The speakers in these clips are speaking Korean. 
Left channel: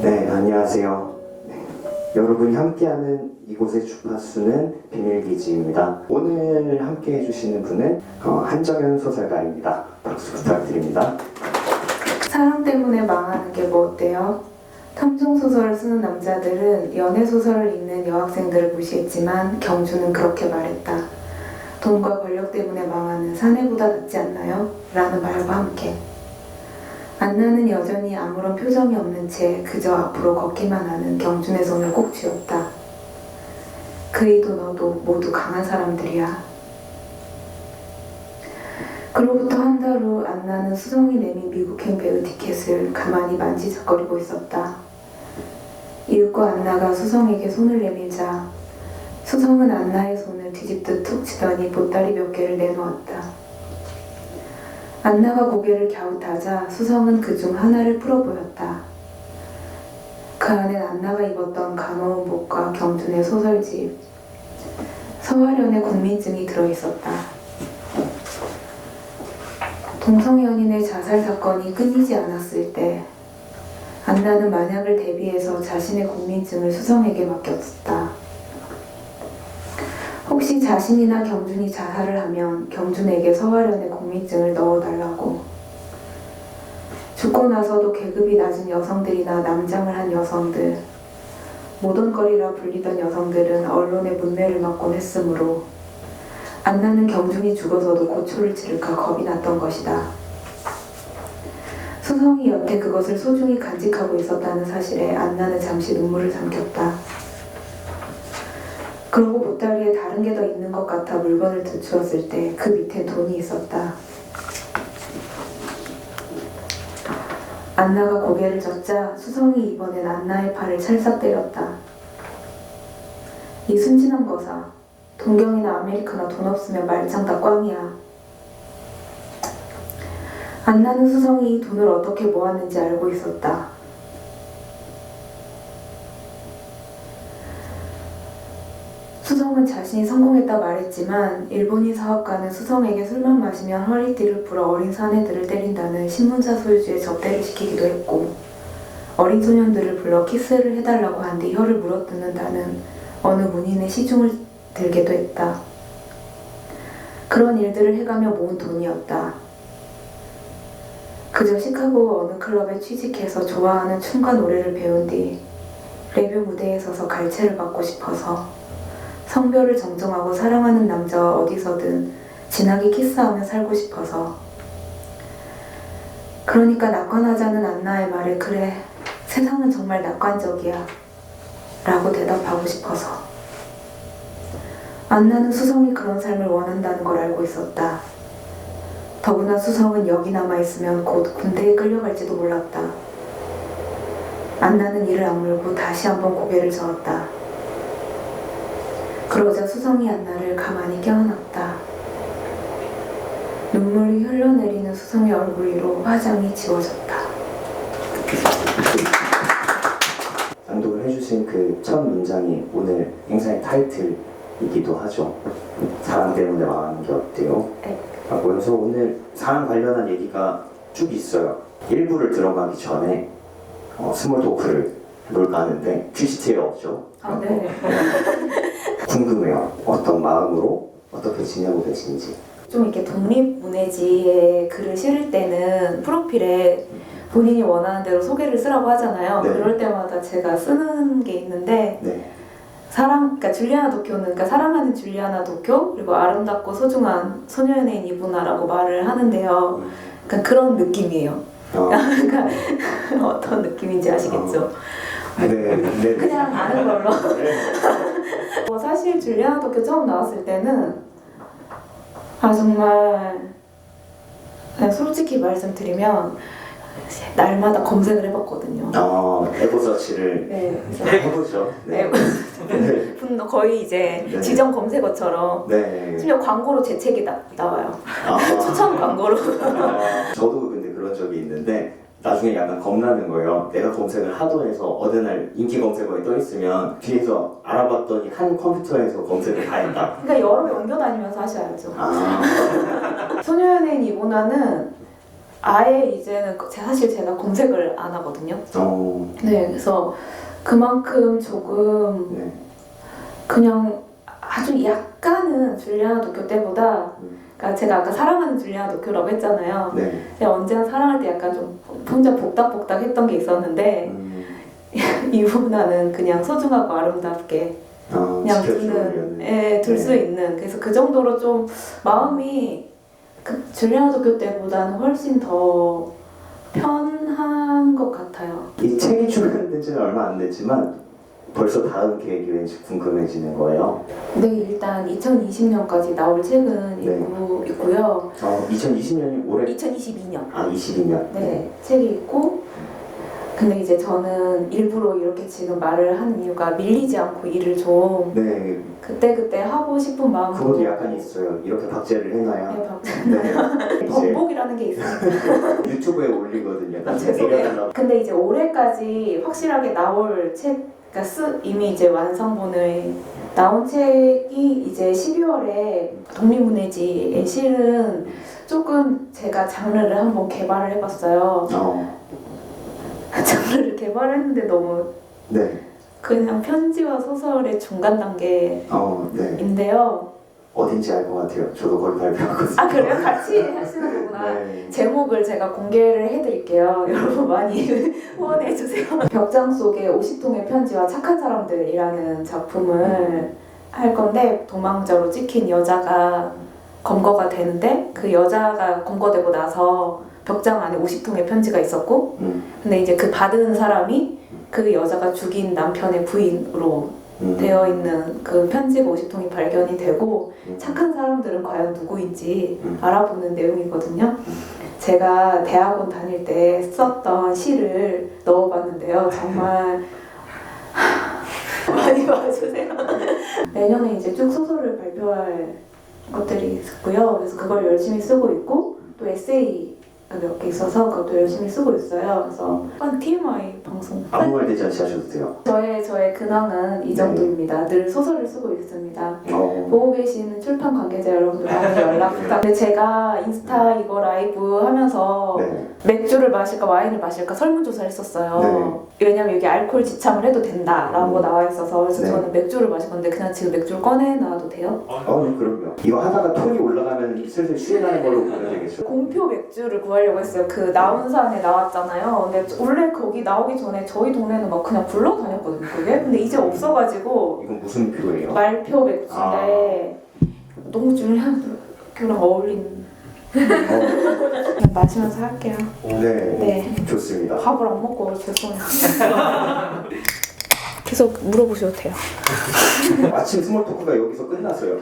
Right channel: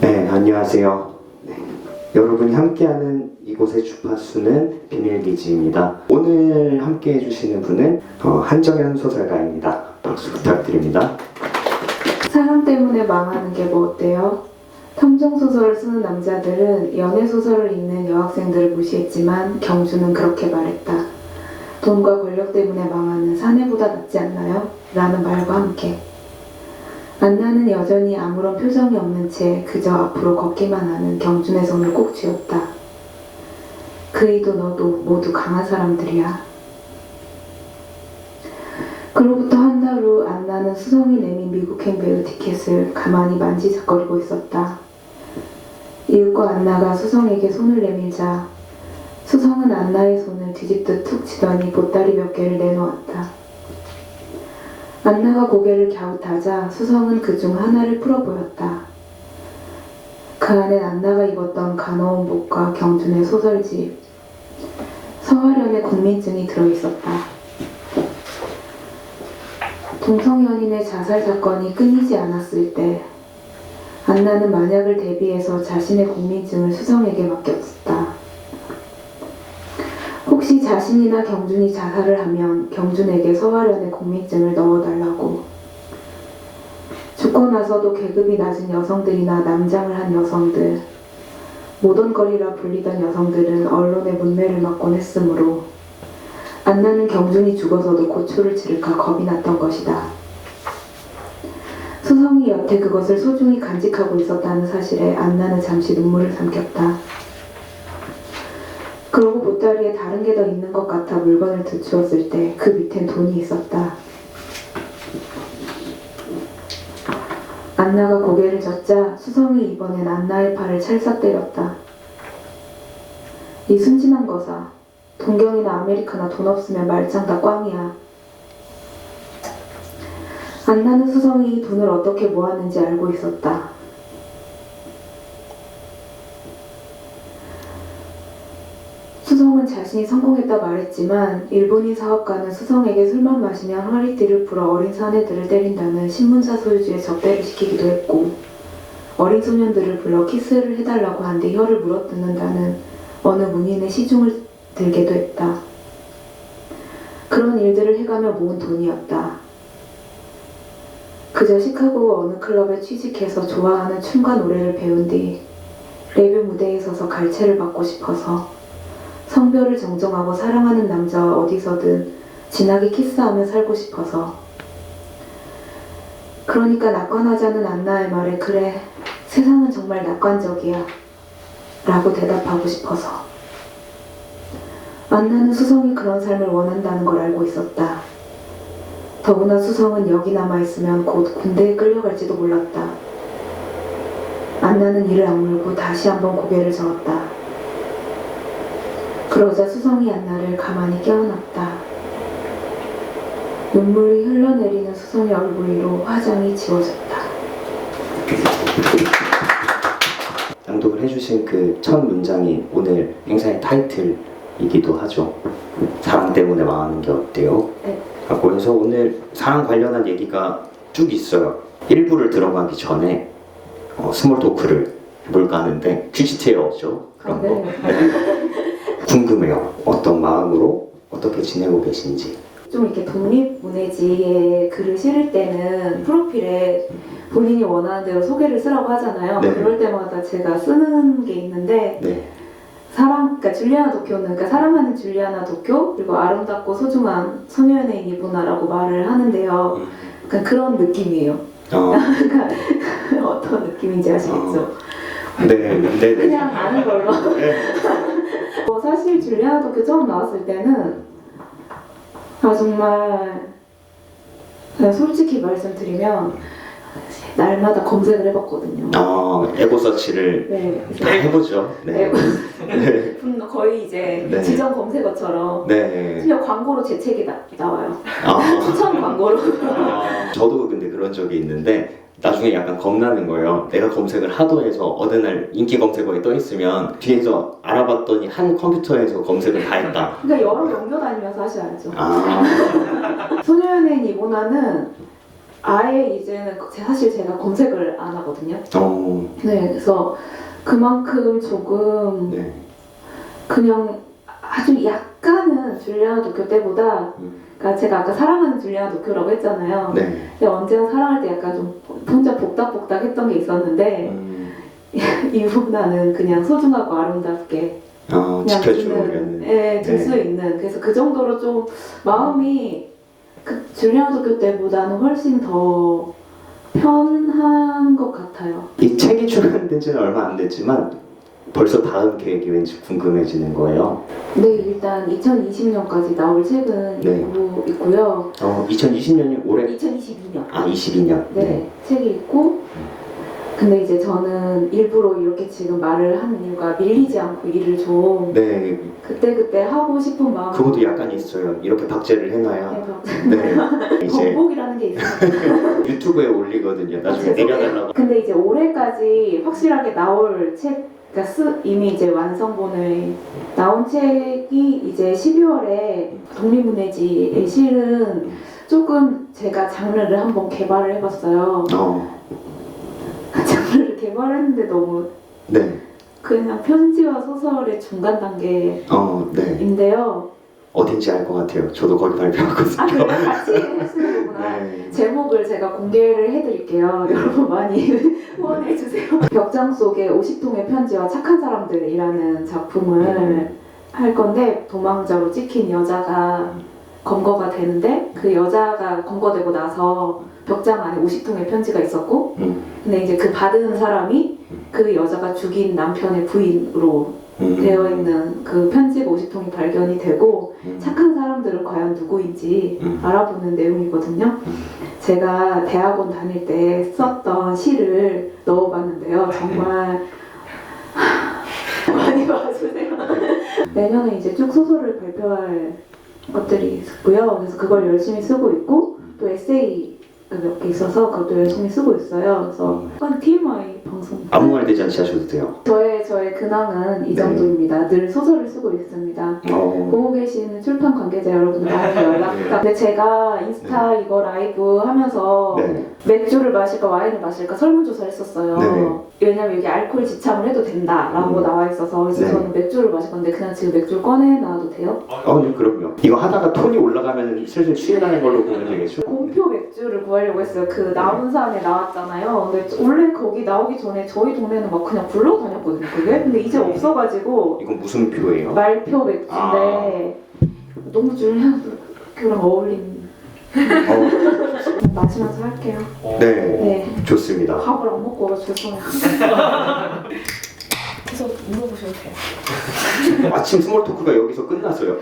네, 안녕하세요. 네, 여러분이 함께하는 이곳의 주파수는 비밀기지입니다. 오늘 함께 해주시는 분은 한정현 소설가입니다. 박수 부탁드립니다. 사랑 때문에 망하는 게 뭐 어때요? 탐정소설을 쓰는 남자들은 연애소설을 읽는 여학생들을 무시했지만 경주는 그렇게 말했다. 돈과 권력 때문에 망하는 사내보다 낫지 않나요? 라는 말과 함께 안나는 여전히 아무런 표정이 없는 채 그저 앞으로 걷기만 하는 경준의 손을 꼭 쥐었다. 그이도 너도 모두 강한 사람들이야. 그로부터 한 달 후 안나는 수성이 내민 미국행 배우 티켓을 가만히 만지작거리고 있었다. 이윽고 안나가 수성에게 손을 내밀자 수성은 안나의 손을 뒤집듯 툭 치더니 보따리 몇 개를 내놓았다. 안나가 고개를 갸웃하자 수성은 그중 하나를 풀어 보였다. 그 안엔 안나가 입었던 가마운 복과 경준의 소설집, 서화련의 국민증이 들어있었다. 동성 연인의 자살 사건이 끊이지 않았을 때 안나는 만약을 대비해서 자신의 국민증을 수성에게 맡겼다. 혹시 자신이나 경준이 자살을 하면 경준에게 서화련의 국민증을 넣어달라고. 죽고 나서도 계급이 낮은 여성들이나 남장을 한 여성들, 모던거리라 불리던 여성들은 언론의 문매를 맞곤 했으므로 안나는 경준이 죽어서도 고초를 치를까 겁이 났던 것이다. 수성이 여태 그것을 소중히 간직하고 있었다는 사실에 안나는 잠시 눈물을 삼켰다. 그러고 보따리에 다른 게 더 있는 것 같아 물건을 들추었을 때 그 밑엔 돈이 있었다. 안나가 고개를 젓자 수성이 이번엔 안나의 팔을 찰싹 때렸다. 이 순진한 거사, 동경이나 아메리카나 돈 없으면 말짱 다 꽝이야. 안나는 수성이 이 돈을 어떻게 모았는지 알고 있었다. 수성은 자신이 성공했다 말했지만 일본인 사업가는 수성에게 술만 마시면 허리띠를 풀어 어린 사내들을 때린다는 신문사 소유주에 접대를 시키기도 했고 어린 소년들을 불러 키스를 해달라고 한 뒤 혀를 물어뜯는다는 어느 문인의 시중을 들게도 했다. 그런 일들을 해가며 모은 돈이었다. 그저 시카고 어느 클럽에 취직해서 좋아하는 춤과 노래를 배운 뒤 레뷰 무대에 서서 갈채를 받고 싶어서 성별을 정정하고 사랑하는 남자와 어디서든 진하게 키스하며 살고 싶어서. 그러니까 낙관하자는 안나의 말에 그래, 세상은 정말 낙관적이야 라고 대답하고 싶어서. 안나는 수성이 그런 삶을 원한다는 걸 알고 있었다. 더구나 수성은 여기 남아있으면 곧 군대에 끌려갈지도 몰랐다. 안나는 이를 악물고 다시 한번 고개를 저었다. 그러자 수성이 안나를 가만히 껴안았다. 눈물이 흘러내리는 수성의 얼굴 위로 화장이 지워졌다. 낭독을 해주신 그 첫 문장이 오늘 행사의 타이틀이기도 하죠. 사랑 때문에 망하는 게 어때요? 네. 그래서 오늘 사랑 관련한 얘기가 쭉 있어요. 1부를 들어가기 전에 스몰 토크를 해볼까 하는데 퀴즈체어 없죠? 그런 거. 궁금해요. 어떤 마음으로 어떻게 지내고 계신지. 좀 이렇게 독립문예지에 글을 실을 때는 프로필에 본인이 원하는 대로 소개를 쓰라고 하잖아요. 네. 그럴 때마다 제가 쓰는 게 있는데 네. 그러니까 줄리아나 도쿄는 그러니까 사랑하는 줄리아나 도쿄 그리고 아름답고 소중한 소녀연예인 이분아라고 말을 하는데요. 그러니까 그런 느낌이에요. 그러니까 어떤 느낌인지 아시겠죠? 네. 그냥 아는 걸로. 네. 사실 줄리아나 도쿄 처음 나왔을 때는 정말 그냥 솔직히 말씀드리면 날마다 검색을 해봤거든요. 에고서치를 네. 해보죠. 네. 거의 이제 네. 지정 검색어처럼 네. 심지어 광고로 제 책이 나와요. 추천 광고로. 저도 근데 그런 적이 있는데 나중에 약간 겁나는 거예요. 내가 검색을 하도 해서 어느 날 인기 검색어에 떠 있으면 뒤에서 알아봤더니 한 컴퓨터에서 검색을 다 했다. 그러니까 여러 연교 다니면서 하셔야죠. 소녀연예인 이모나는 아예 이제는 사실 제가 검색을 안 하거든요. 네. 그래서 그만큼 조금 네. 그냥 아주 약간은 줄리아나 도쿄 때보다 그러니까 제가 아까 사랑하는 줄리아나 도쿄라고 했잖아요. 네. 제가 언제나 사랑할 때 약간 좀 혼자 복닥복닥 했던 게 있었는데 이보다는 그냥 소중하고 아름답게 그냥 지켜주는. 둘 수 있는 그래서 그 정도로 좀 마음이 그 줄리아나 도쿄 때보다는 훨씬 더 편한 것 같아요. 이 책이 출간된 지는 얼마 안 됐지만 벌써 다음 계획이 왠지 궁금해지는 거예요. 네, 일단 2020년까지 나올 책은 네. 있고요. 2020년이 올해 2022년. 22년. 네, 책이 있고 근데 이제 저는 일부러 이렇게 지금 말을 하는 이유가 밀리지 않고 일을 좀 네. 그때 하고 싶은 마음. 그것도 약간 있어요. 이렇게 박제를 해놔야. 네. 이제 번복이라는 게 있어요. 유튜브에 올리거든요. 나중에 죄송해요. 내려달라고. 근데 이제 올해까지 확실하게 나올 책, 그러니까 이미 이제 완성본을 나온 책이 이제 12월에 독립문예지에 실은 조금 제가 장르를 한번 개발을 해봤어요. 장르를 개발했는데 너무 네. 그냥 편지와 소설의 중간 단계인데요. 네. 어딘지 알 것 같아요. 저도 거기 발표하거든요. 아 그래요? 같이 하시는 거구나. 네. 제목을 제가 공개를 해드릴게요. 여러분 많이 후원해주세요. 벽장 속의 50통의 편지와 착한 사람들이라는 작품을 할 건데 도망자로 찍힌 여자가 검거가 되는데 그 여자가 검거되고 나서 벽장 안에 50통의 편지가 있었고 근데 이제 그 받은 사람이 그 여자가 죽인 남편의 부인으로 되어 있는 그 편지가 50통이 발견이 되고 착한 사람들은 과연 누구인지 알아보는 내용이거든요. 제가 대학원 다닐 때 썼던 시를 넣어봤는데요. 정말 많이 봐주세요. 내년에 이제 쭉 소설을 발표할 것들이 있고요. 그래서 그걸 열심히 쓰고 있고 또 에세이 몇 개 있어서 그것도 열심히 쓰고 있어요. 그래서 한 TMI 방송. 아무 말 되지 않게 하셔도 돼요. 저의 근황은 이 정도입니다. 늘 소설을 쓰고 있습니다. 보고 계시는 출판 관계자 여러분 많이 연락 부탁. 근데 제가 인스타 이거 라이브 하면서 네. 맥주를 마실까 와인을 마실까 설문조사를 했었어요. 네. 왜냐면 여기 알코올 지참을 해도 된다라고 나와 있어서 그래서 네. 저는 맥주를 마실 건데 그냥 지금 맥주를 꺼내놔도 돼요? 네, 그럼요. 이거 하다가 톤이 올라가면 슬슬 취해가는 걸로 보면 되겠죠? 공표 맥주를 구하려고 했어요. 그 나온 사람이 나왔잖아요. 근데 원래 거기 나오기 전에 저희 동네는 막 그냥 굴러다녔거든요. 그게. 근데 이제 없어가지고 이건 무슨 표예요? 말표 맥주인데 너무 줄리안 교랑 어울리는. 마시면서 할게요. 네. 좋습니다. 밥을 안 먹고 죄송해요. 계속 물어보셔도 돼요. 아침 스몰 토크가 여기서 끝났어요.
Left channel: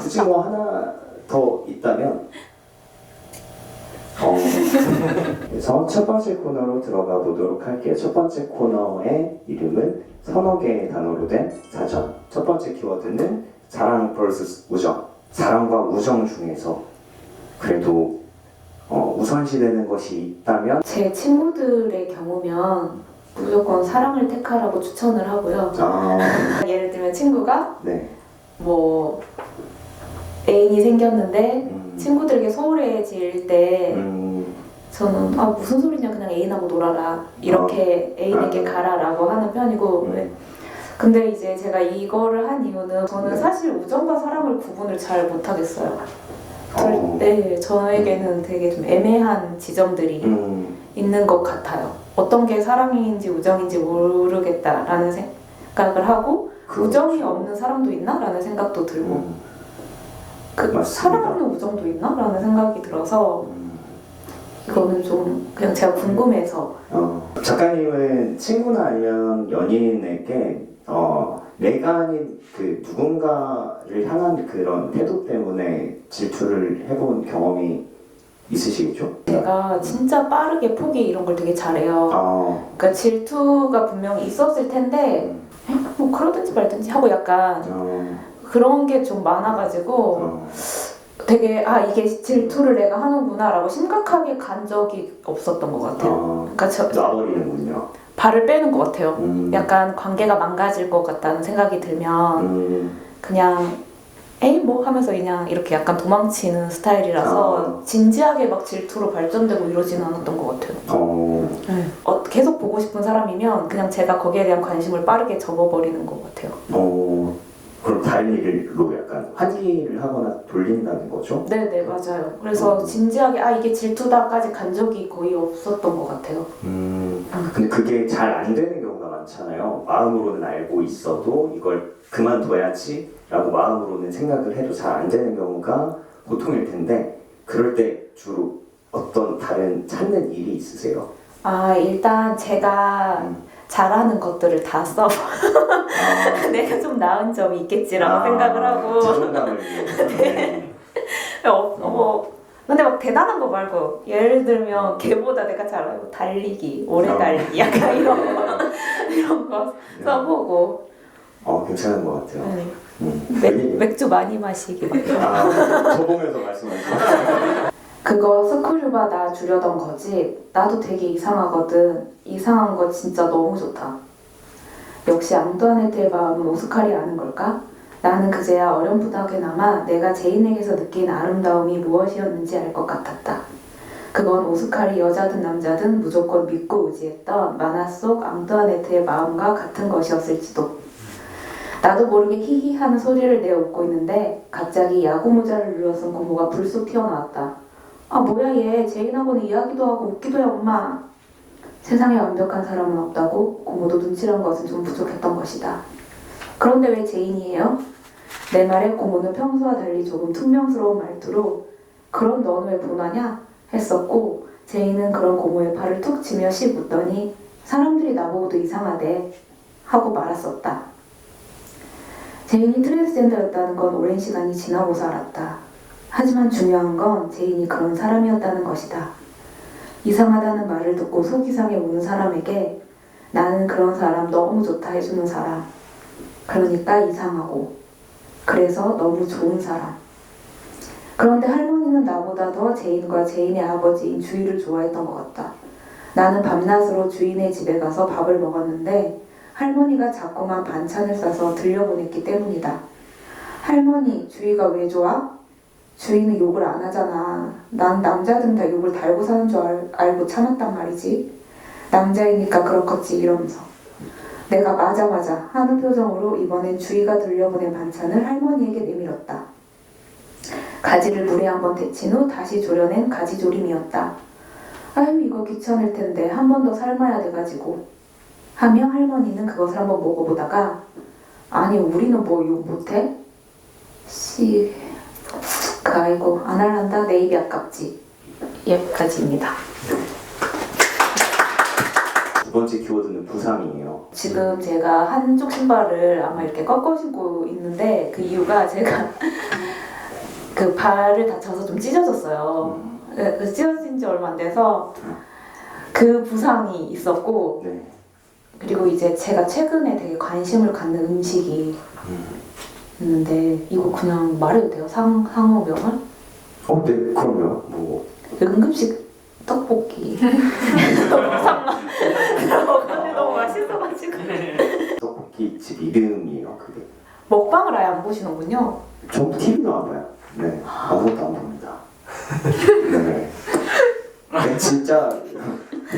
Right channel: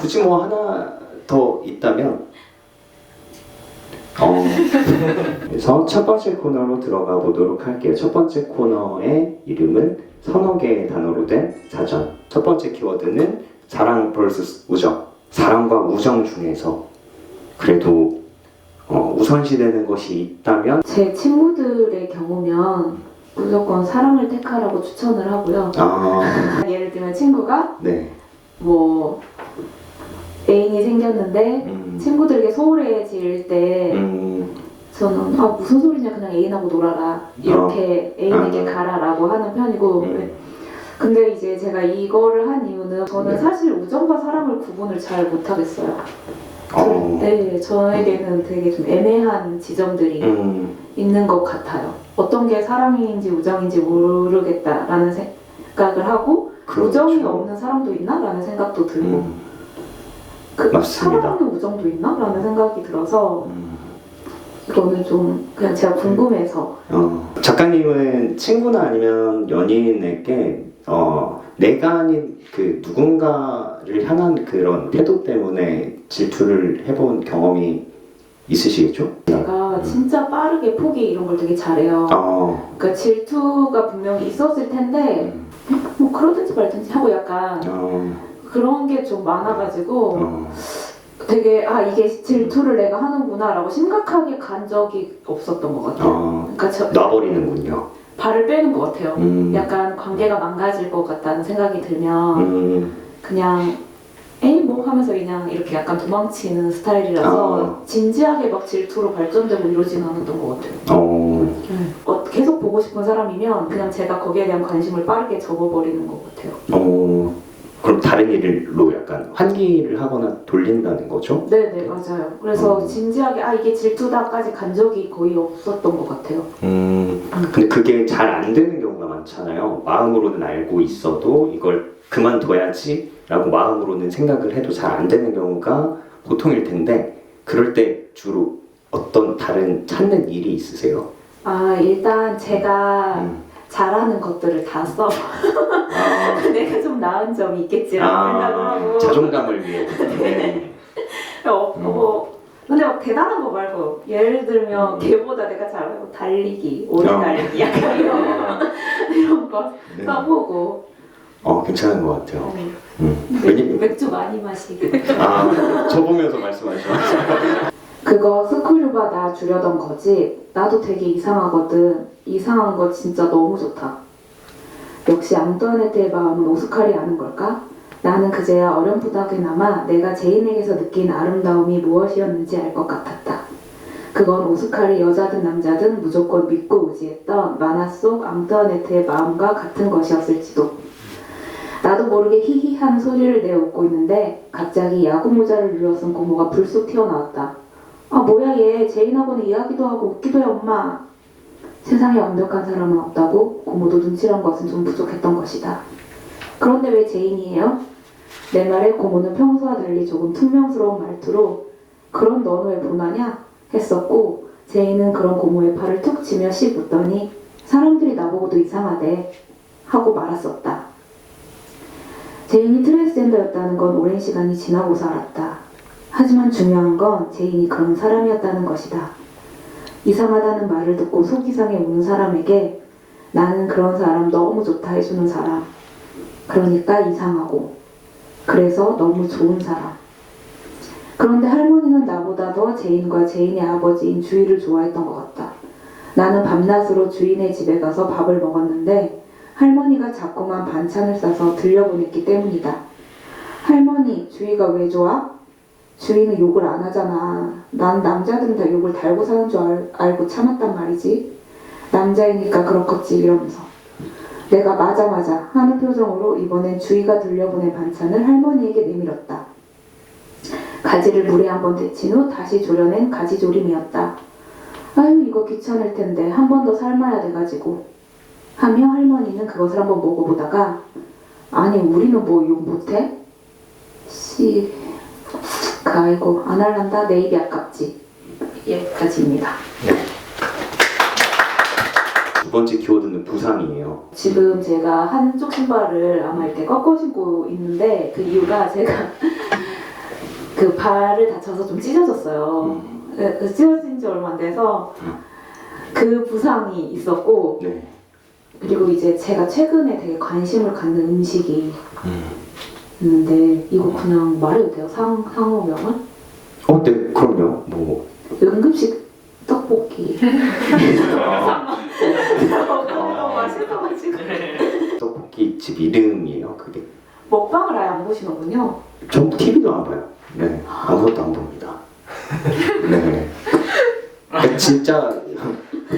굳이 뭐 하나 더 있다면 그래서 첫 번째 코너로 들어가 보도록 할게요. 첫 번째 코너의 이름은 서너 개의 단어로 된 사전. 첫 번째 키워드는 사랑 vs 우정. 사랑과 우정 중에서 그래도 우선시되는 것이 있다면 제 친구들의 경우면 무조건 사랑을 택하라고 추천을 하고요. 예를 들면 친구가 네. 뭐 애인이 생겼는데 친구들에게 소홀해질 때 저는 무슨 소리냐 그냥 애인하고 놀아라 이렇게 애인에게 가라라고 하는 편이고 근데 이제 제가 이거를 한 이유는 저는 사실 우정과 사랑을 구분을 잘 못하겠어요. 네, 저에게는 되게 좀 애매한 지점들이 있는 것 같아요. 어떤 게 사랑인지 우정인지 모르겠다라는 생각을 하고 우정이 없는 사람도 있나라는 생각도 들고 맞습니다. 사랑 없는 우정도 있나라는 생각이 들어서 이거는 좀 그냥 제가 궁금해서 작가님은 친구나 아니면 연인에게 내가 아닌 그 누군가를 향한 그런 태도 때문에 질투를 해본 경험이 있으시겠죠? 제가 진짜 빠르게 포기 이런 걸 되게 잘해요. 그러니까 질투가 분명히 있었을 텐데 뭐 그러든지 말든지 하고 약간 그런 게 좀 많아가지고 되게 이게 질투를 내가 하는구나라고 심각하게 간 적이 없었던 것 같아요. 그러니까 놔버리는군요. 발을 빼는 것 같아요. 약간 관계가 망가질 것 같다는 생각이 들면 그냥 에이 뭐 하면서 그냥 이렇게 약간 도망치는 스타일이라서 진지하게 막 질투로 발전되고 이러진 않았던 것 같아요. 계속 보고 싶은 사람이면 그냥 제가 거기에 대한 관심을 빠르게 접어버리는 것 같아요. 그럼 다른 일로 약간 환기를 하거나 돌린다는 거죠? 네네 맞아요. 그래서 진지하게 이게 질투다까지 간 적이 거의 없었던 것 같아요. 근데 그게 잘 안 되는 경우가 많잖아요. 마음으로는 알고 있어도 이걸 그만둬야지 라고 마음으로는 생각을 해도 잘 안 되는 경우가 보통일 텐데 그럴 때 주로 어떤 다른 찾는 일이 있으세요? 일단 제가 잘하는 것들을 다 써. 내가 좀 나은 점이 있겠지라고 생각을 하고. 자존감을 위해. 근데 막 대단한 거 말고 예를 들면 걔보다 내가 잘하고 달리기, 오래 달리기 약간 이런 거 써보고. 괜찮은 것 같아요. 맥주 많이 마시기. 저 보면서 말씀하시죠. 그거 스크류바 나 주려던 거지. 나도 되게 이상하거든. 이상한 거 진짜 너무 좋다. 역시 앙뚜아네트의 마음은 오스칼이 아는 걸까? 나는 그제야 어렴풋하게나마 내가 제인에게서 느낀 아름다움이 무엇이었는지 알 것 같았다. 그건 오스칼이 여자든 남자든 무조건 믿고 의지했던 만화 속 앙뚜아네트의 마음과 같은 것이었을지도. 나도 모르게 히히 하는 소리를 내어 웃고 있는데 갑자기 야구 모자를 눌러쓴 고모가 불쑥 튀어나왔다. 뭐야 얘 제인하고는 이야기도 하고 웃기도 해 엄마. 세상에 완벽한 사람은 없다고 고모도 눈치란 것은 좀 부족했던 것이다. 그런데 왜 제인이에요? 내 말에 고모는 평소와 달리 조금 퉁명스러운 말투로 그런 넌 왜 보나냐? 했었고 제인은 그런 고모의 팔을 툭 치며 씩 웃더니 사람들이 나보고도 이상하대 하고 말았었다. 제인이 트랜스젠더였다는 건 오랜 시간이 지나고서 알았다. 하지만 중요한 건 제인이 그런 사람이었다는 것이다. 이상하다는 말을 듣고 속이 상해 우는 사람에게 나는 그런 사람 너무 좋다 해주는 사람. 그러니까 이상하고 그래서 너무 좋은 사람. 그런데 할머니는 나보다 더 제인과 제인의 아버지인 주희를 좋아했던 것 같다. 나는 밤낮으로 주인의 집에 가서 밥을 먹었는데 할머니가 자꾸만 반찬을 싸서 들려보냈기 때문이다. 할머니, 주희가 왜 좋아? 주인은 욕을 안 하잖아. 난 남자들은 다 욕을 달고 사는 줄 알고 참았단 말이지. 남자이니까 그렇겠지 이러면서. 내가 맞아 하는 표정으로 이번엔 주희가 들려보낸 반찬을 할머니에게 내밀었다. 가지를 물에 한번 데친 후 다시 졸여낸 가지조림이었다. 아유 이거 귀찮을 텐데 한 번 더 삶아야 돼가지고 하며 할머니는 그것을 한번 먹어보다가 아니 우리는 뭐 욕 못해? 아이고 안 할란다 내 입이 아깝지. 여기까지입니다. 두 번째 키워드는 부상이에요. 지금 제가 한쪽 신발을 아마 이렇게 꺾어 신고 있는데 그 이유가 제가 그 발을 다쳐서 좀 찢어졌어요. 찢어진 지 얼마 안 돼서 그 부상이 있었고 그리고 이제 제가 최근에 되게 관심을 갖는 음식이 있는데 이거 그냥 말해도 돼요? 상호명은? 네, 그럼요. 응급식 떡볶이. 너무 맛있어가지고. 떡볶이 집 이름이에요, 그게. 먹방을 아예 안 보시는군요. 전 TV도 안 봐요. 네, 아무것도 안 봅니다. 네. 진짜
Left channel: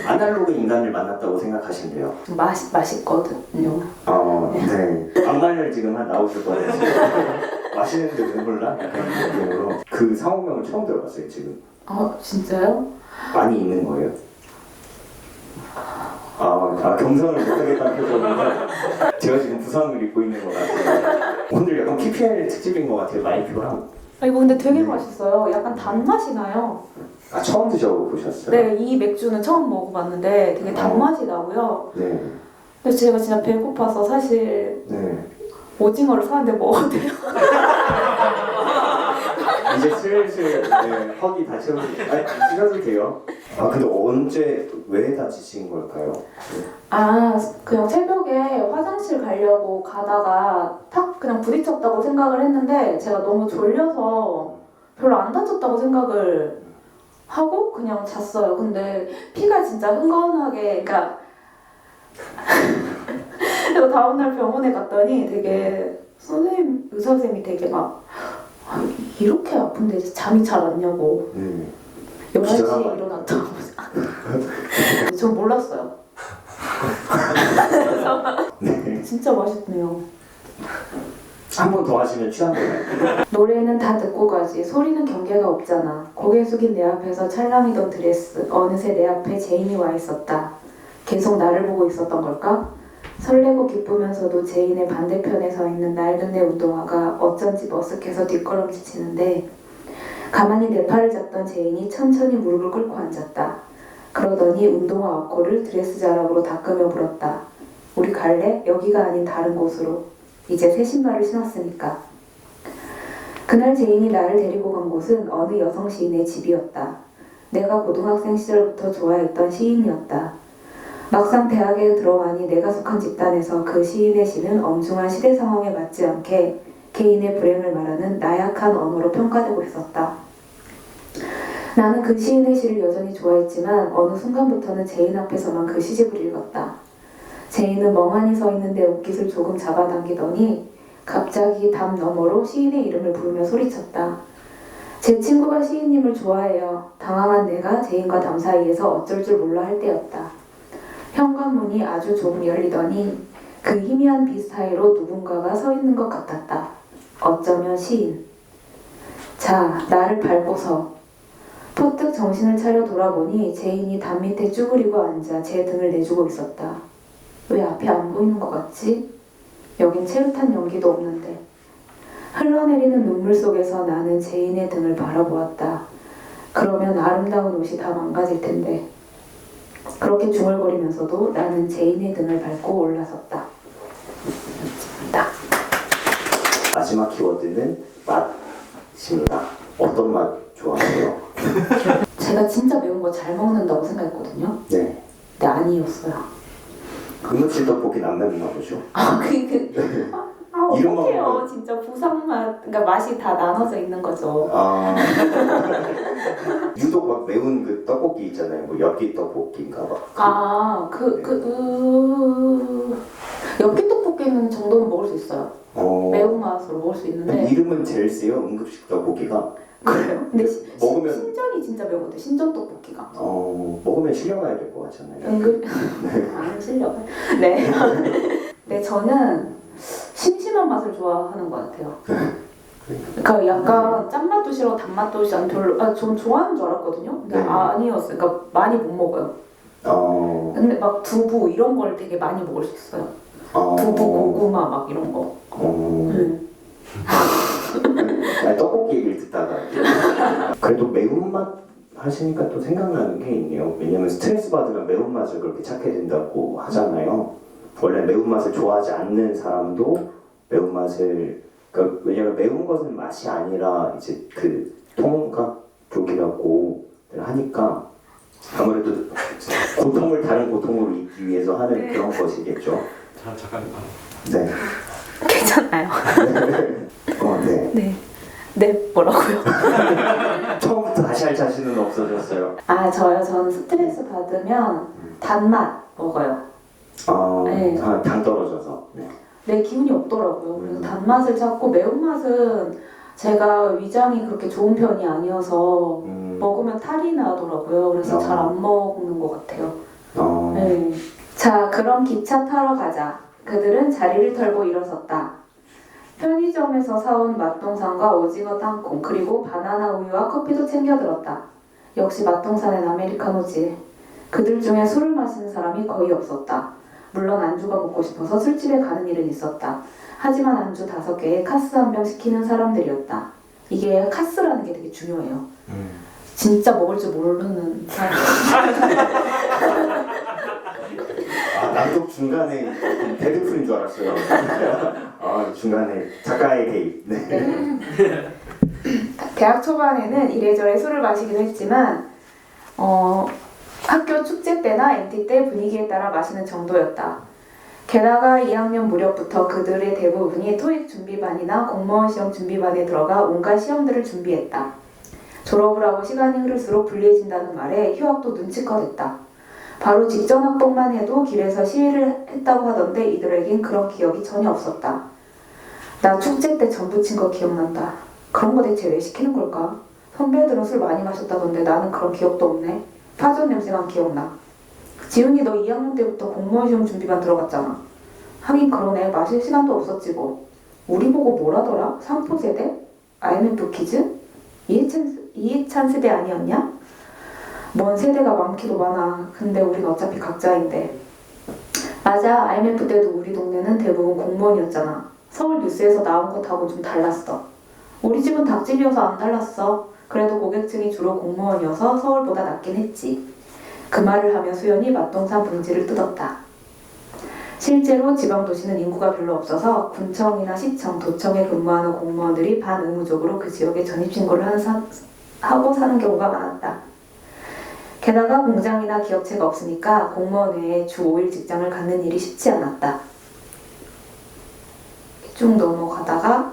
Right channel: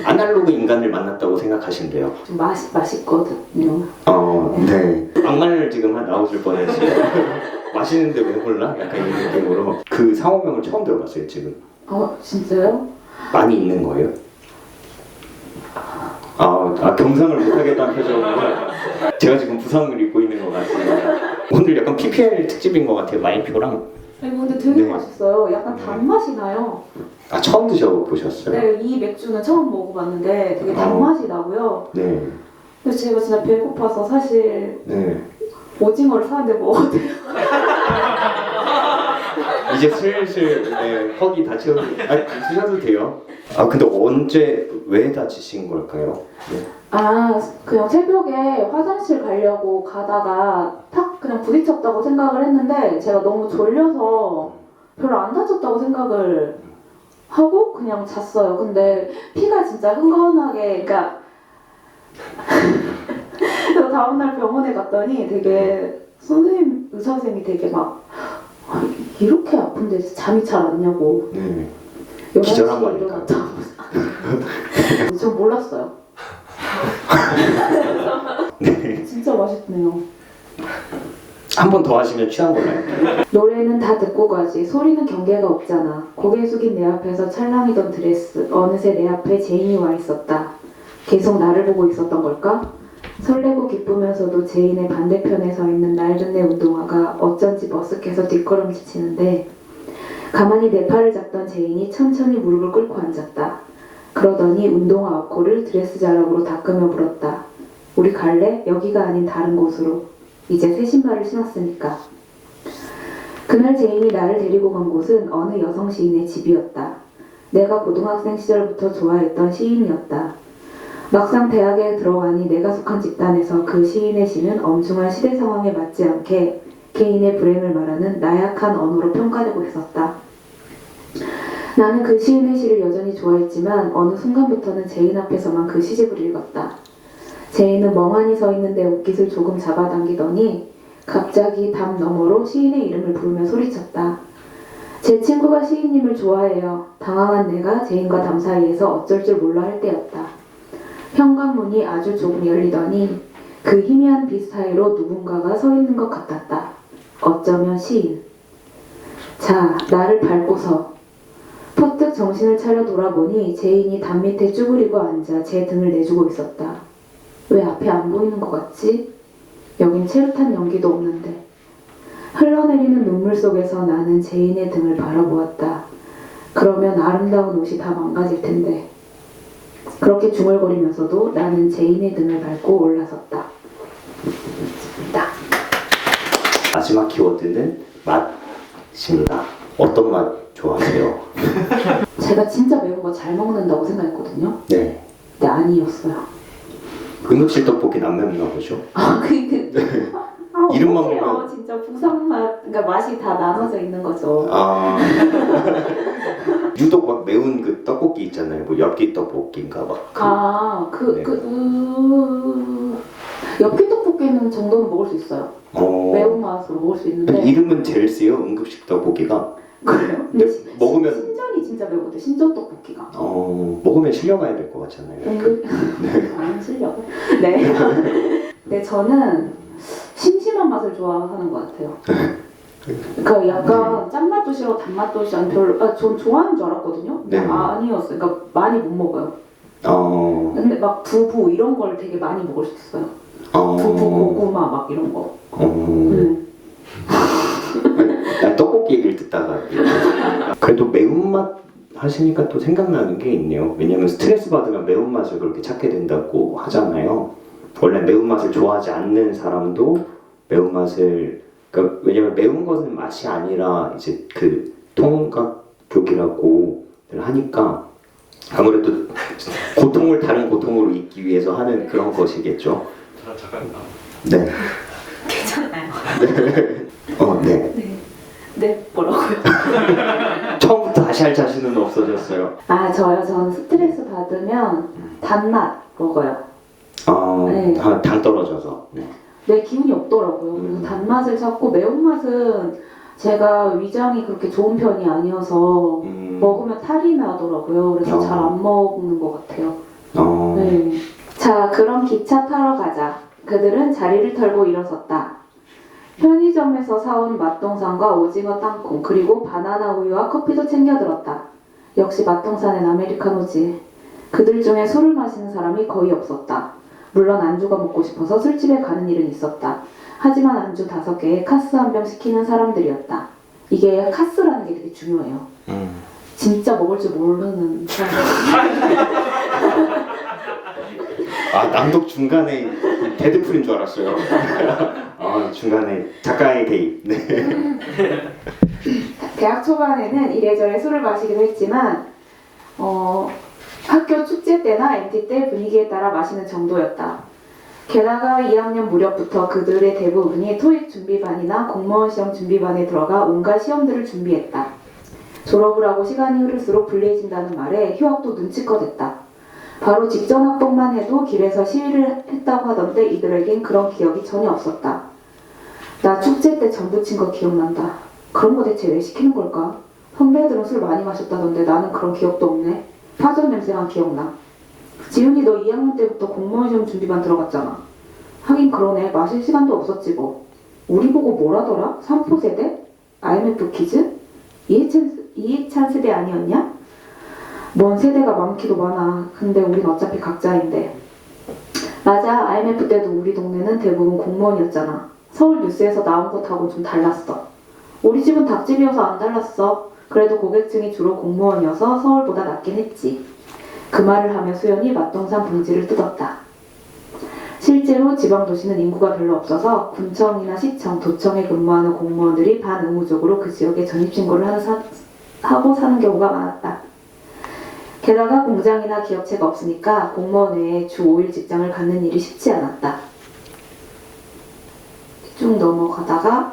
아날로그 인간을 만났다고 생각하시면 돼요. 좀 맛있거든요. 네. 악마를 지금 나오실 뻔했어요. 맛있는데 왜 몰라? 약간 이런 느낌으로. 그 상호명을 처음 들어봤어요, 지금. 진짜요? 많이 있는 거예요? 경상을 못하겠다는 표정으로 제가 지금 부상을 입고 있는 것 같아요. 오늘 약간 PPL 특집인 것 같아요, 마인표랑. 이거 근데 되게 맛있어요. 약간 단맛이 나요. 처음 드셔보셨어요? 네, 이 맥주는 처음 먹어봤는데 되게 단맛이 나고요. 네. 근데 제가 진짜 배고파서 사실 오징어를 사는데 먹어도 돼요? 이제 슬슬 턱이 다 채우고 드셔도 돼요. 근데 언제 왜 다치신 걸까요? 그냥 새벽에 화장실 가려고 가다가 탁 그냥 부딪혔다고 생각을 했는데 제가 너무 졸려서 별로 안 다쳤다고 생각을 하고 그냥 잤어요. 근데 피가 진짜 흥건하게 그러니까 그래서 다음날 병원에 갔더니 되게 의사 선생님이 되게 막 이렇게 아픈데 잠이 잘 왔냐고. 네. 11시에 기절한 거 아닐까? 일어났다고. 전 몰랐어요. 진짜 맛있네요. 한 번 더 하시면 취한 거예요. 노래는 다 듣고 가지. 소리는 경계가 없잖아. 고개 숙인 내 앞에서 찰랑이던 드레스. 어느새 내 앞에 제인이 와 있었다. 계속 나를 보고 있었던 걸까? 설레고 기쁘면서도 제인의 반대편에 서 있는 낡은 내 운동화가 어쩐지 머쓱해서 뒷걸음질 치는데 가만히 내 팔을 잡던 제인이 천천히 무릎을 꿇고 앉았다. 그러더니 운동화 어코를 드레스 자락으로 닦으며 물었다. 우리 갈래? 여기가 아닌 다른 곳으로. 이제 새 신발을 신었으니까. 그날 제인이 나를 데리고 간 곳은 어느 여성 시인의 집이었다. 내가 고등학생 시절부터 좋아했던 시인이었다. 막상 대학에 들어가니 내가 속한 집단에서 그 시인의 시는 엄중한 시대 상황에 맞지 않게 개인의 불행을 말하는 나약한 언어로 평가되고 있었다. 나는 그 시인의 시를 여전히 좋아했지만 어느 순간부터는 제인 앞에서만 그 시집을 읽었다. 제인은 멍하니 서 있는 내 옷깃을 조금 잡아당기더니 갑자기 담 너머로 시인의 이름을 부르며 소리쳤다. 제 친구가 시인님을 좋아해요. 당황한 내가 제인과 담 사이에서 어쩔 줄 몰라 할 때였다. 현관문이 아주 조금 열리더니 그 희미한 빛 사이로 누군가가 서 있는 것 같았다. 어쩌면 시인. 자, 나를 밟고서. 퍼뜩 정신을 차려 돌아보니 제인이 담 밑에 쭈그리고 앉아 제 등을 내주고 있었다. 왜 앞이 안 보이는 것 같지? 여긴 채릇한 연기도 없는데. 흘러내리는 눈물 속에서 나는 제인의 등을 바라보았다. 그러면 아름다운 옷이 다 망가질 텐데. 그렇게 중얼거리면서도 나는 제인의 등을 밟고 올라섰다. 마지막 키워드는 맛입니다. 어떤 맛 좋아하세요? 제가 진짜 매운 거 잘 먹는다고 생각했거든요. 네. 근데 아니었어요. 금육실 떡볶이는 안 맵나 보죠? 이름만 어떡해요. 보면- 진짜 부산 맛, 그러니까 맛이 다 나눠져 있는 거죠. 아 유독 막 매운 그 떡볶이 있잖아요. 뭐 엽기 떡볶이인가 막. 엽기 떡볶이는 정도는 먹을 수 있어요. 매운맛으로 먹을 수 있는데. 이름은 제일 세요. 응급식 떡볶이가. 그래요? 근데 먹으면 신전이 진짜 매운데 신전 떡볶이가. 먹으면 실려가야 될 것 같잖아요. 안 실려. 네. 네, 저는 심심한 맛을 좋아하는 것 같아요. 그러니까 약간 짠맛도 싫어, 단맛도 싫어, 별로. 전 좋아하는 줄 알았거든요. 네. 아니었어요. 그러니까 많이 못 먹어요. 근데 막 두부 이런 걸 되게 많이 먹을 수 있어요. 두부, 고구마 막 이런 거. 난 떡볶이 얘기를 듣다가 그래도 매운맛 하시니까 또 생각나는 게 있네요. 왜냐면 스트레스 받으면 매운맛을 그렇게 찾게 된다고 하잖아요. 원래 매운맛을 좋아하지 않는 사람도 매운맛을, 그러니까 왜냐면 매운 것은 맛이 아니라 이제 그 통각족이라고 하니까 아무래도 고통을 다른 고통으로 잊기 위해서 하는 그런 것이겠죠. 잠깐. 네. 괜찮아요. 네. 네, 뭐라고요? 처음부터 다시 할 자신은 없어졌어요. 저는 스트레스 받으면 단맛 먹어요. 네. 당 떨어져서. 네. 내 기운이 없더라고요. 그래서 단맛을 찾고 매운맛은 제가 위장이 그렇게 좋은 편이 아니어서 먹으면 탈이 나더라고요. 그래서 잘 안 먹는 것 같아요. 네. 자, 그럼 기차 타러 가자. 그들은 자리를 털고 일어섰다. 편의점에서 사온 맛동산과 오징어 땅콩 그리고 바나나 우유와 커피도 챙겨들었다. 역시 맛동산엔 아메리카노지. 그들 중에 술을 마시는 사람이 거의 없었다. 물론 안주가 먹고 싶어서 술집에 가는 일은 있었다. 하지만 안주 5개에 카스 1병 시키는 사람들이었다. 이게 카스라는 게 되게 중요해요. 진짜 먹을 줄 모르는 사람. 낭독 중간에 데드풀인 줄 알았어요. 중간에 작가의 개입. 네. 대학 초반에는 이래저래 술을 마시기도 했지만 학교 축제 때나 MT 때 분위기에 따라 마시는 정도였다. 게다가 2학년 무렵부터 그들의 대부분이 토익 준비반이나 공무원 시험 준비반에 들어가 온갖 시험들을 준비했다. 졸업을 하고 시간이 흐를수록 불리해진다는 말에 휴학도 눈치껏 했다. 바로 직전 학번만 해도 길에서 시위를 했다고 하던데 이들에겐 그런 기억이 전혀 없었다. 나 축제 때 전 부친 거 기억난다. 그런 거 대체 왜 시키는 걸까? 선배들은 술 많이 마셨다던데 나는 그런 기억도 없네. 파전 냄새만 기억나. 지훈이 너 2학년 때부터 공무원 시험 준비반 들어갔잖아. 하긴 그러네. 마실 시간도 없었지 뭐. 우리 보고 뭐라더라? 3포 세대? IMF 퀴즈? 이해찬 세대 아니었냐? 뭔 세대가 많기도 많아. 근데 우린 어차피 각자인데. 맞아. IMF 때도 우리 동네는 대부분 공무원이었잖아. 서울 뉴스에서 나온 것하고 좀 달랐어. 우리 집은 닭집이어서 안 달랐어. 그래도 고객층이 주로 공무원이어서 서울보다 낫긴 했지. 그 말을 하며 수연이 맛동산 봉지를 뜯었다. 실제로 지방도시는 인구가 별로 없어서 군청이나 시청, 도청에 근무하는 공무원들이 반의무적으로 그 지역에 전입신고를 하고 사는 경우가 많았다. 게다가 공장이나 기업체가 없으니까 공무원 외에 주 5일 직장을 갖는 일이 쉽지 않았다. 쭉 넘어가다가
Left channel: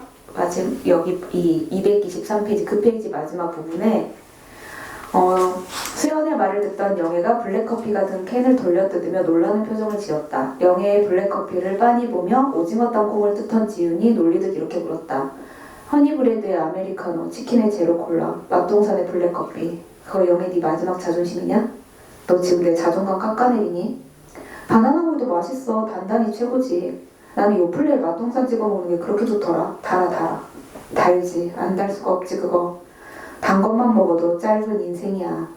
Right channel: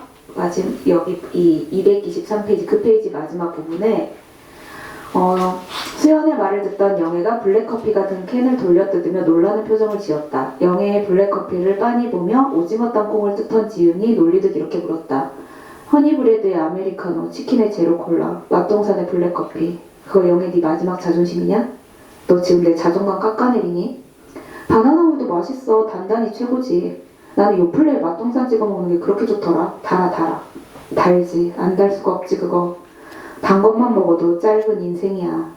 여기 이 223페이지 그 페이지 마지막 부분에 수연의 말을 듣던 영애가 블랙커피 같은 캔을 돌려뜯으며 놀라는 표정을 지었다. 영애의 블랙커피를 빤히 보며 오징어 땅콩을 뜯던 지은이 놀리듯 이렇게 물었다. 허니브레드의 아메리카노, 치킨의 제로콜라, 맛동산의 블랙커피. 그거 영애 네 마지막 자존심이냐? 너 지금 내 자존감 깎아내리니? 바나나 우유도 맛있어. 단단히 최고지. 나는 요플레에 맛동산 찍어 먹는 게 그렇게 좋더라. 달아. 달지. 안 달 수가 없지 그거. 단 것만 먹어도 짧은 인생이야.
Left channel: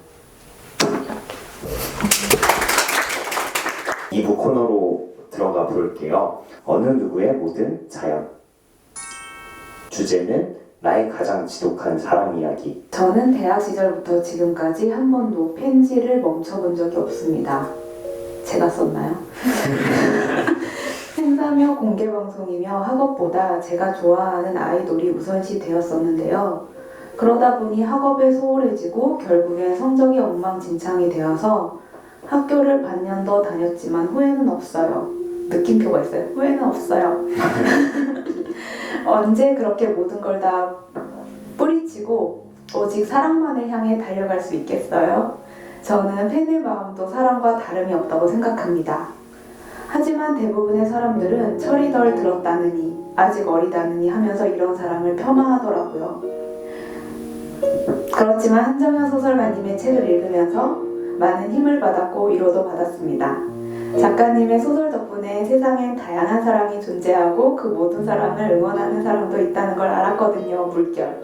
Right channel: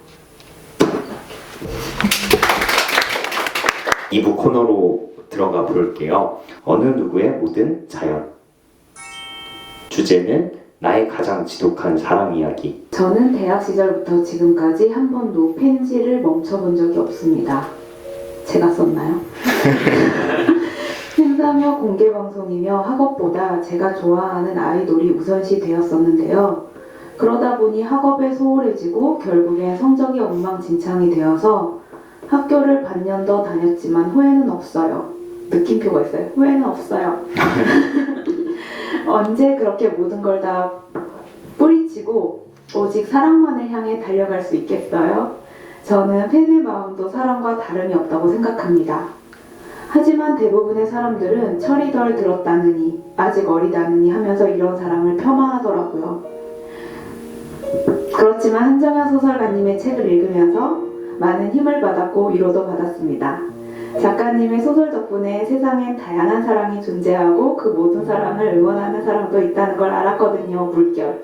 2부 코너로 들어가 볼게요. 어느 누구의 모든 자연. 주제는 나의 가장 지독한 사랑 이야기. 저는 대학 시절부터 지금까지 한 번도 펜지를 멈춰본 적이 없습니다. 제가 썼나요? 행사며 공개방송이며 학업보다 제가 좋아하는 아이돌이 우선시 되었었는데요. 그러다 보니 학업에 소홀해지고 결국엔 성적이 엉망진창이 되어서 학교를 반년 더 다녔지만 후회는 없어요. 느낌표가 있어요. 후회는 없어요. 언제 그렇게 모든 걸 다 뿌리치고 오직 사랑만을 향해 달려갈 수 있겠어요? 저는 팬의 마음도 사랑과 다름이 없다고 생각합니다. 하지만 대부분의 사람들은 철이 덜 들었다느니 아직 어리다느니 하면서 이런 사랑을 폄하하더라고요. 그렇지만 한정현 소설가님의 책을 읽으면서 많은 힘을 받았고 위로도 받았습니다. 작가님의 소설 덕분에 세상엔 다양한 사랑이 존재하고 그 모든 사랑을 응원하는 사람도 있다는 걸 알았거든요. 물결.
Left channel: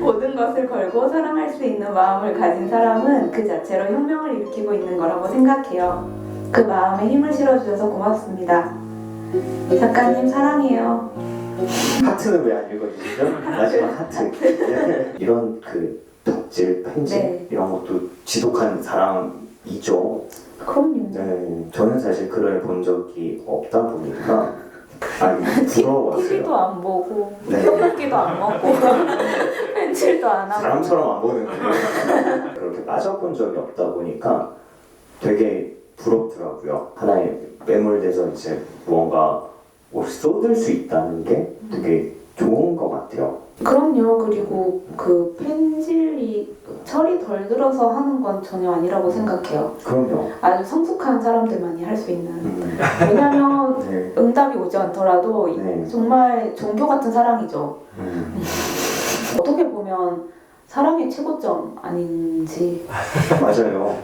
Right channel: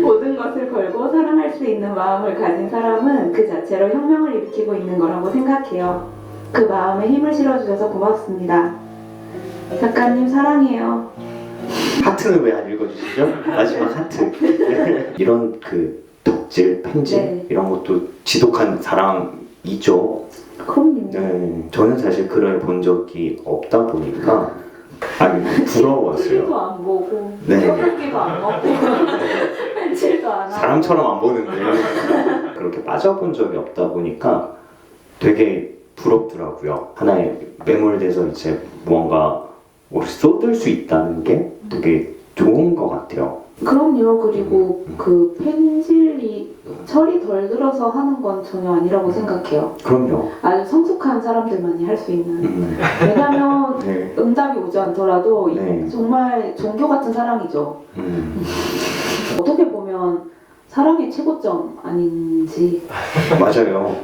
모든 것을 걸고 사랑할 수 있는 마음을 가진 사람은 그 자체로 혁명을 일으키고 있는 거라고 생각해요. 그 마음에 힘을 실어주셔서 고맙습니다. 작가님 사랑해요. 하트는 왜 안 읽어주시죠? 마지막 하트. 이런 그 덕질, 편지 네. 이런 것도 지독한 사랑이죠. 그럼요. 네, 저는 사실 글을 본 적이 없다 보니까 부러웠어요. TV도 안 보고 네. 표기도 안 먹고 펜칠도 안 하고 사람처럼 안 보는데 그렇게 빠져본 적이 없다 보니까 되게 부럽더라고요. 하나에 매몰돼서 이제 무언가 쏟을 수 있다는 게 되게 좋은 것 같아요. 그럼요. 그리고 그 펜질이 철이 덜 들어서 하는 건 전혀 아니라고 생각해요. 그럼요. 아주 성숙한 사람들만이 할 수 있는. 왜냐면 네. 응답이 오지 않더라도 네. 정말 종교 같은 사랑이죠. 어떻게 보면 사랑의 최고점 아닌지. 맞아요.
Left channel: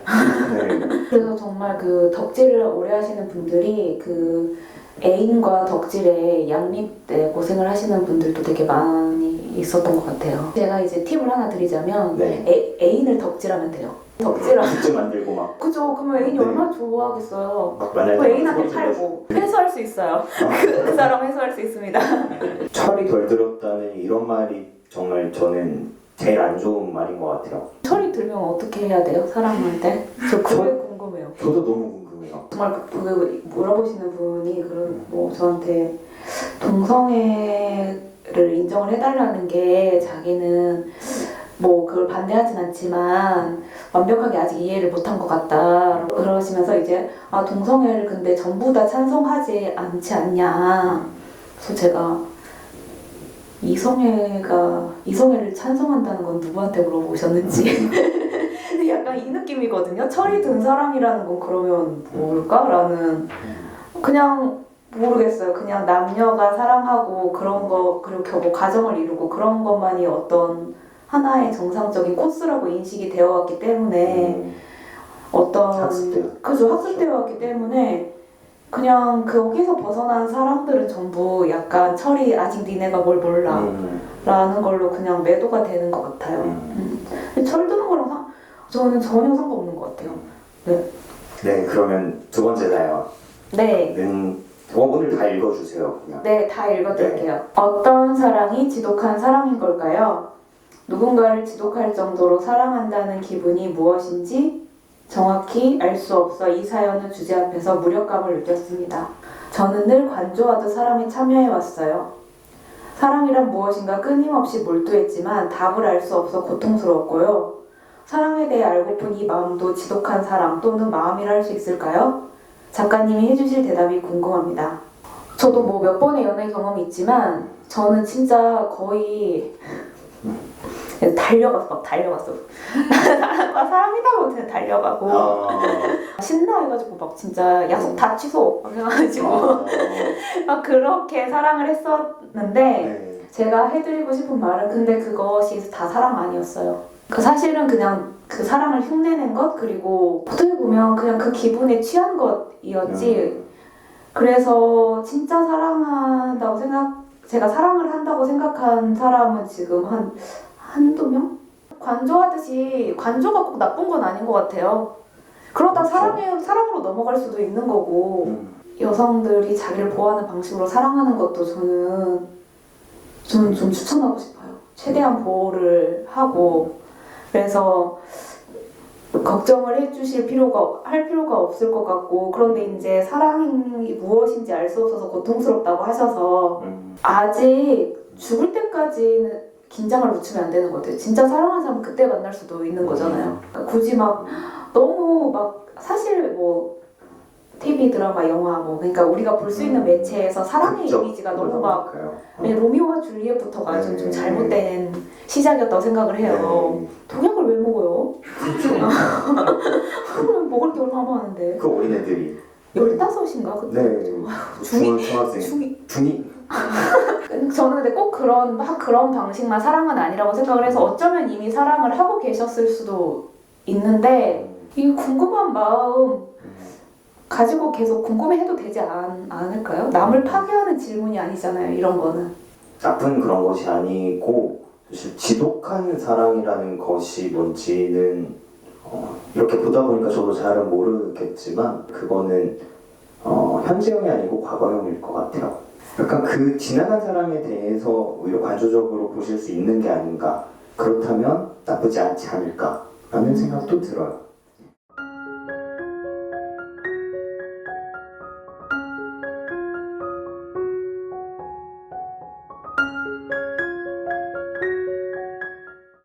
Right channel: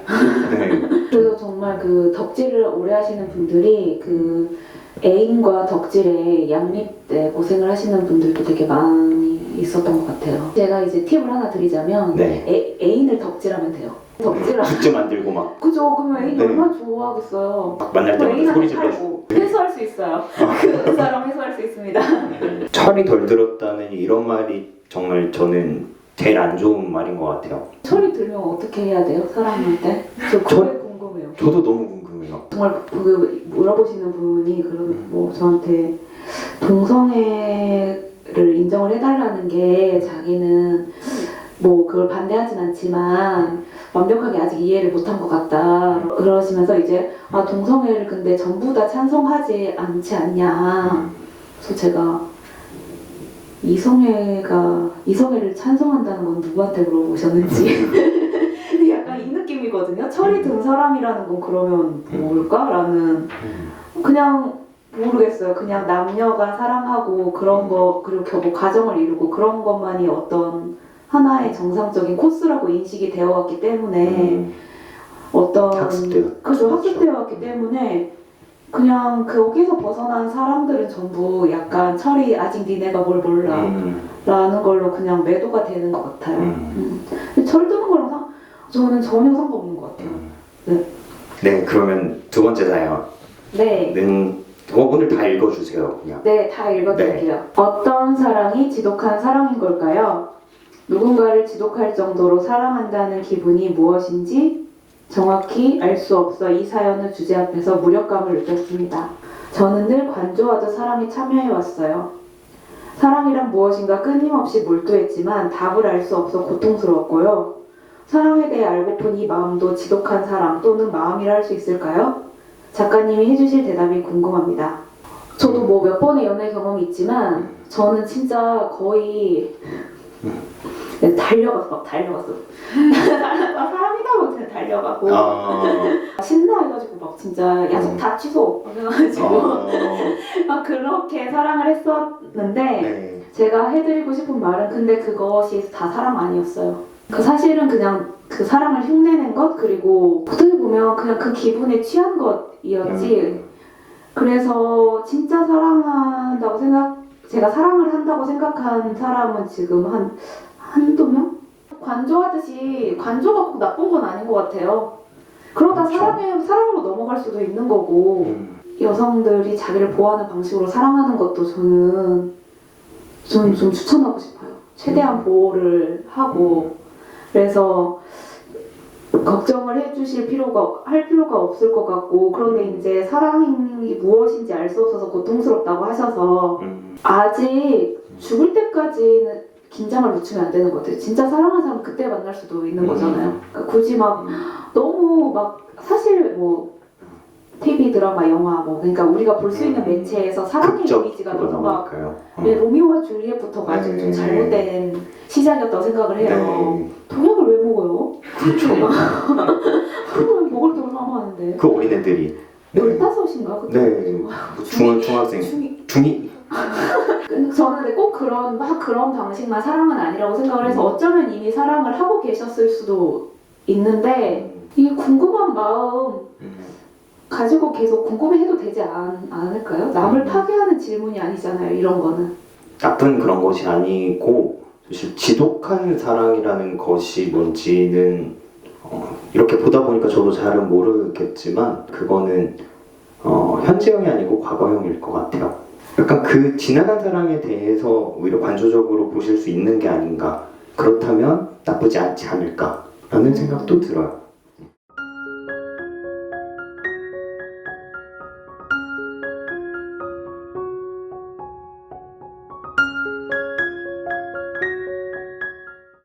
네. 그래서 정말 그 덕질을 오래 하시는 분들이 그 애인과 덕질에 양립돼 고생을 하시는 분들도 되게 많이 있었던 것 같아요. 제가 이제 팁을 하나 드리자면 네. 애인을 덕질하면 돼요. 덕질하면 굿즈 만들고 막 그죠? 그러면 애인이 네. 얼마나 좋아하겠어요. 만날 때마다 애인한테 소리 질러. 팔고 해소할 수 있어요. 그 사람 해소할 수 있습니다. 철이 덜 들었다는 이런 말이 정말 저는 제일 안 좋은 말인 것 같아요. 철이 들면 어떻게 해야 돼요? 사랑할 때? 저 그게 궁금해요. 저도 너무 궁금해요. 정말 그 물어보시는 분이 그런 뭐 저한테 동성애를 인정을 해달라는 게 자기는 뭐 그걸 반대하진 않지만 완벽하게 아직 이해를 못한 것 같다 그러시면서 이제 동성애를 근데 전부 다 찬성하지 않지 않냐. 그래서 제가 이성애를 찬성한다는 건 누구한테 물어보셨는지 약간 이 느낌이거든요. 철이 든 사람이라는 건 그러면 뭘까라는 그냥 모르겠어요. 그냥 남녀가 사랑하고 그런 거 그리고 뭐 가정을 이루고 그런 것만이 어떤 하나의 정상적인 코스라고 인식이 되어 왔기 때문에 어떤 학습되었- 그죠 학습되어 왔기 때문에 그냥 거기서 벗어난 사람들은 전부 약간 철이 아직 니네가 뭘 몰라 라는 걸로 그냥 매도가 되는 것 같아요. 근데 철 드는 거랑 저는 전혀 상관없는 것 같아요. 네, 그러면 두 번째 네. 사연은 오늘 다 읽어주세요. 그냥. 네, 다 읽어드릴게요. 어떤 사랑이 지독한 사랑인 걸까요? 누군가를 지독할 정도로 사랑한다는 기분이 무엇인지 정확히 알 수 없어 이 사연의 주제 앞에서 무력감을 느꼈습니다. 저는 늘 관조하듯 사랑에 참여해왔어요. 사랑이란 무엇인가 끊임없이 몰두했지만 답을 알 수 없어 고통스러웠고요. 사랑에 대해 알고픈 이 마음도 지독한 사랑 또는 마음이라 할 수 있을까요? 작가님이 해주실 대답이 궁금합니다. 저도 뭐 몇 번의 연애 경험이 있지만 저는 진짜 거의 달려갔어. 막 사람이다 고 그냥 달려가고 신나해가지고 막 진짜 약속 다 취소 막 해가지고 막 그렇게 사랑을 했었는데 네. 제가 해드리고 싶은 말은 근데 그것이 다 사랑 아니었어요. 그 사실은 그냥 그 사랑을 흉내낸 것 그리고 어떻게 보면 그냥 그 기분에 취한 것이었지. 그래서 진짜 사랑한다고 제가 사랑을 한다고 생각한 사람은 지금 한두 명? 관조하듯이 관조가 꼭 나쁜 건 아닌 것 같아요. 그러다 그렇죠. 사랑으로 넘어갈 수도 있는 거고 여성들이 자기를 보호하는 방식으로 사랑하는 것도 저는 좀 추천하고 싶어요. 최대한 보호를 하고 그래서 걱정을 할 필요가 없을 것 같고 그런데 이제 사랑이 무엇인지 알 수 없어서 고통스럽다고 하셔서 아직 죽을 때까지는 긴장을 늦추면 안 되는 것 같아요. 진짜 사랑하는 사람은 그때 만날 수도 있는 거잖아요. 그러니까 굳이 막 너무 막 사실 뭐 TV 드라마 영화 뭐 그러니까 우리가 볼 수 있는 매체에서 사랑의 극적 이미지가 너무 막 네. 로미오와 줄리엣부터가 좀 잘못된 시작이었다고 생각을 해요. 네. 독약을 왜 먹어요? 그렇죠. 그걸 먹을 게 얼마나 많은데. 그 어린애들이 15인가 그때? 네. 중학생 중이 저는 근데 꼭 그런 방식만 사랑은 아니라고 생각을 해서 어쩌면 이미 사랑을 하고 계셨을 수도 있는데 이 궁금한 마음 가지고 계속 궁금해해도 되지 않을까요? 남을 파괴하는 질문이 아니잖아요. 이런 거는. 나쁜 그런 것이 아니고 사실 지독한 사랑이라는 것이 뭔지는 이렇게 보다 보니까 저도 잘은 모르겠지만 그거는 현재형이 아니고 과거형일 것 같아요. 약간 그 지나간 사랑에 대해서 오히려 관조적으로 보실 수 있는 게 아닌가. 그렇다면 나쁘지 않지 않을까라는 생각도 들어요.